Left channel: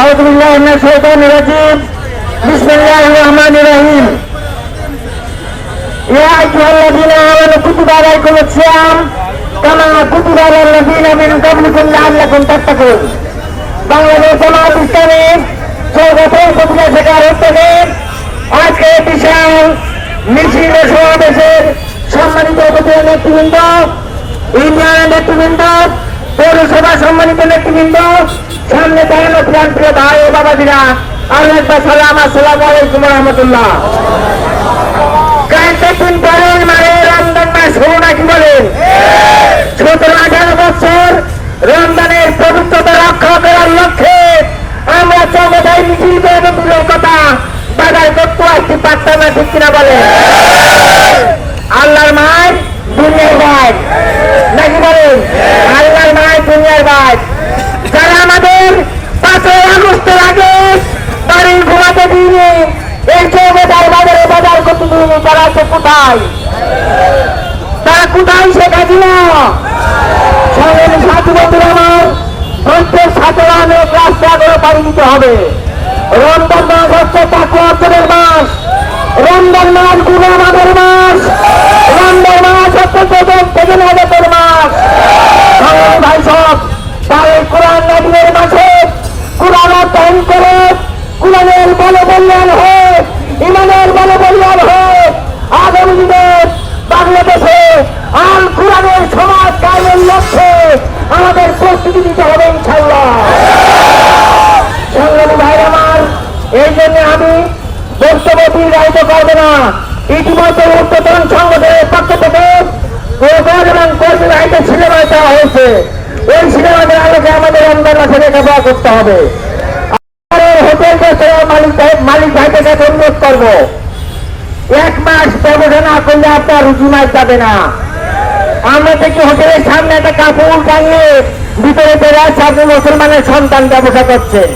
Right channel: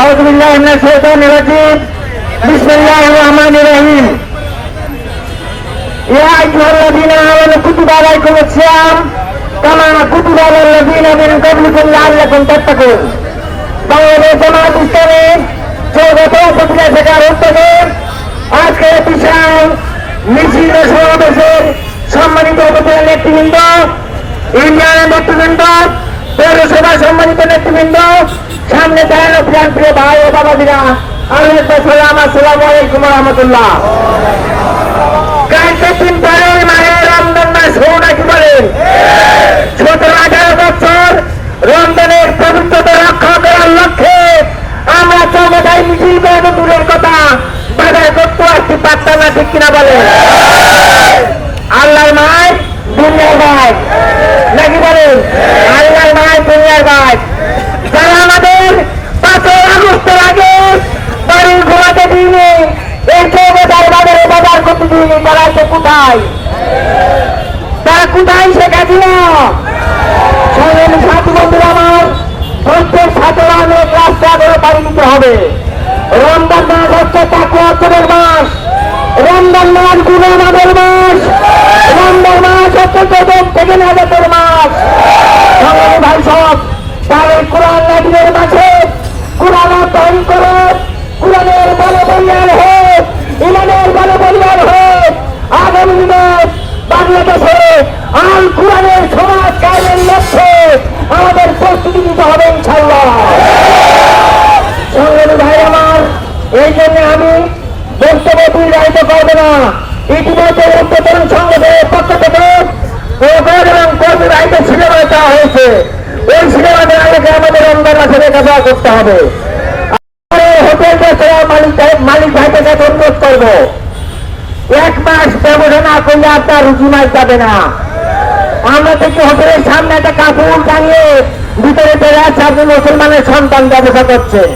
আউযু বিল্লাহি মিনাশ শাইতানির রাজিম। বিসমিল্লাহির রহমানির রহিম। ইয়া আইয়ুহাল্লাযীনা আমানু কুতিবা আলাইকুমুস সিয়াম কামা কুতিবা আলাল লাযীনা মিন ক্বাবলিকুম লাআল্লাকুম তাত্তাকুন। বাংলাদেশ জামাত ইসলামী চৌগাছা উপজেলা শাখার উদ্যোগে আজকে বিশেষ মিছিল ও সমাবেশের সম্মানিত উপজেলা নেতৃবৃন্দ, ইউনিয়নের নেতৃবৃন্দ, পৌরসভা সম্মানিত নেতৃবৃন্দ, সামনে দাঁড়ানো প্রান্তীয় ভাই ও বাবাজিরা, আসসালামু আলাইকুম রহমতুল্লাহ। কান্তপুর বলেন মানে রমজান মাস হো নাকি বলেন, 17-18 বছর রমজানের পবিত্রতা রক্ষা করার লক্ষ্যে আমরা চৌগাছায় মিছিল করে দূরের কথা বাজার করতে আসছি, পারতাম না, ঠিক কিনা বলেন? আল্লাহর মায় দুনিয়ার ভাই নাকি বলেন? আল্লাহর মায় দুনিয়ার ভাই। যারা আমাদের 5 আগস্টের আগে বাড়ি ঘোরাতে দিনে এই চৌগাছার বাজারে বাজার করতে দিনে, তারা তো কোথায়? তারা কোথায়? শেখ হাসিনা। সংগ্রামী সাথী বন্ধুরা আমার, প্রত্যেক ছাত্ররা অনেক রাস্তা করে পাড়ি দিতে হবে। রমজান মাস হচ্ছে তাকওয়া অর্জনের মাস, রমজান মাস গুনাহ মাফের মাস, রমজান মাস হচ্ছে জগৎ থেকে নাজাতের মাস। সংগ্রামী ভাই সব, তাই কোরআন নাজিলের মাসে কোরআন অধ্যয়ন করে কোরআনের বলে বলিয়ান হোক, ইমানের বলে বলিয়ান হোক। আগামী দিনে বাংলাদেশে আল কোরআনের সমাজ কায়েমের লক্ষ্যে আমাদের প্রস্তুতি নিতে হবে ইনশাআল্লাহ। সংগ্রামী ভাই আমার, এই জন্য আমি বক্তব্য দীর্ঘায়িত করব না। ইতিমধ্যে উচ্চতর সংগঠনের পক্ষ থেকে প্রকল্প এবং কর্মী ভাইদের সিনেমা দেওয়া হয়েছে। ওই সিনেমাদের আলোকে আমাদের রমজান মাসে লেখাপড়া করতে হবে। হোটেল রেস্তোরাঁ মালিক ভাইকে অনুরোধ করব, 1 মাস ব্যবসা না করলে আপনার রুটি মাছ যাবে না। আমরা দেখি হোটেলের সামনে একটা কাপড় টাঙিয়ে ভিতরে বেড়াচ্ছে, আপনি মুসলমানের সন্তান ব্যবসা করছেন।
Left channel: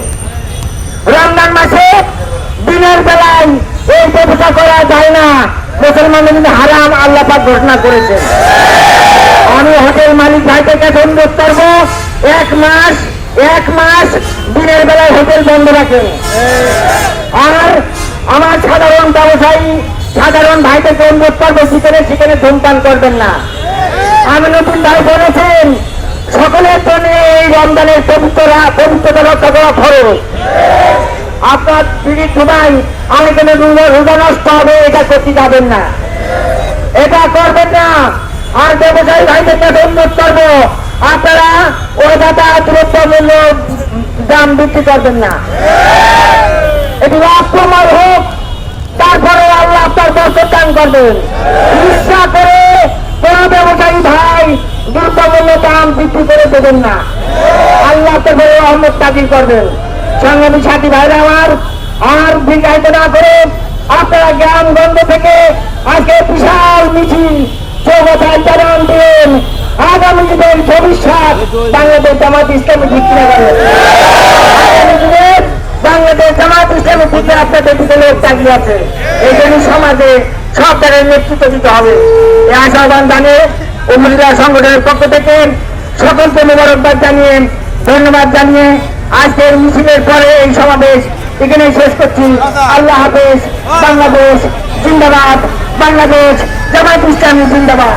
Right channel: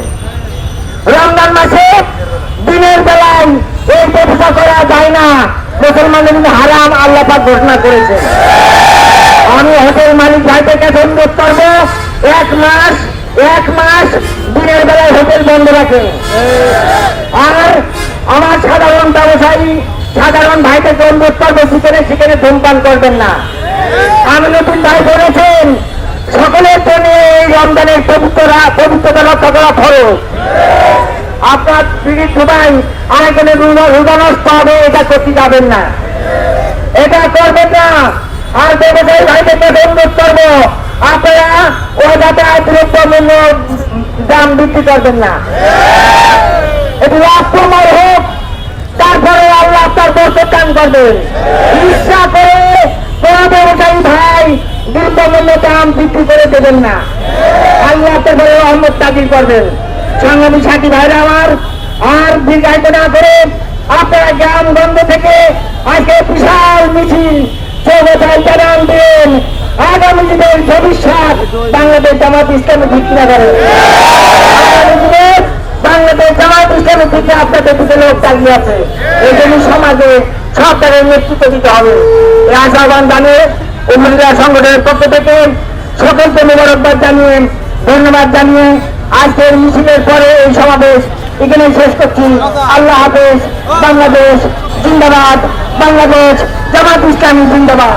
রমজান মাসে দিনের বেলায় এই ব্যবসা করা যায় না, মুসলমানের কিন্তু হারাম আল্লাহ পাক ঘোষণা করেছেন। আমি হোটেল মালিক ভাইকে অনুরোধ করবো, 1 মাস দিনের বেলায় হোটেল বন্ধ রাখেন। আর আমার সাধারণ ব্যবসায়ী সাধারণ ভাইকে অনুরোধ করবো, সেখানে ধূমপান করবেন না। আমি নতুন ভাই বলেছেন, সকলের জন্য এই রমজানের পবিত্রতা রক্ষা করা ফরজ। আপনার দিদির ধুবাই আরেকজনের রোজা নষ্ট হবে, এটা করতে যাবেন না, এটা করবেন না। আর ব্যবসায়ী ভাইদেরকে অনুরোধ করবো, আপনারা ওই যাতায়াত দ্রব্যমূল্য দাম বৃদ্ধি করবেন না। এটি লাভময় হোক, তারপরে আল্লাহ তার বরকত দান করবেন। ইচ্ছা করে কোন ব্যবসায়ী ভাই দ্রব্যমূল্য দাম বৃদ্ধি করে দেবেন না, আল্লাহ তারপরে রহমত তাকির করবেন। সংগ্রামী সাথী ভাইরা আমার, আর দীর্ঘায়িত না করে আপনারা জ্ঞানগঞ্জ থেকে আজকে বিশাল মিছিল চৌগাছায় জানান দিন। আগামী দিনের ভবিষ্যৎ বাংলাদেশ জামাত ইসলামী ঠিক কিনা করেন? আগামী দিনের বাংলাদেশ জামাত ইসলামী থেকে আপনাদের দিকে লোক তাকিয়ে আছে। এই জন্য সমাজে সব জায়গায় নেতৃত্ব দিতে হবে। এই আহ্বান জানিয়ে উপজেলা সংগঠনের পক্ষ থেকে সকলকে মোবারকবাদ জানিয়ে, ধন্যবাদ জানিয়ে আজকের মিছিলের পরে এই সমাবেশ এখানেই শেষ করছি। আল্লাহ হাফেজ। বাংলাদেশ জিন্দাবাদ, বাংলাদেশ জামাত ইসলামী জিন্দাবাদ।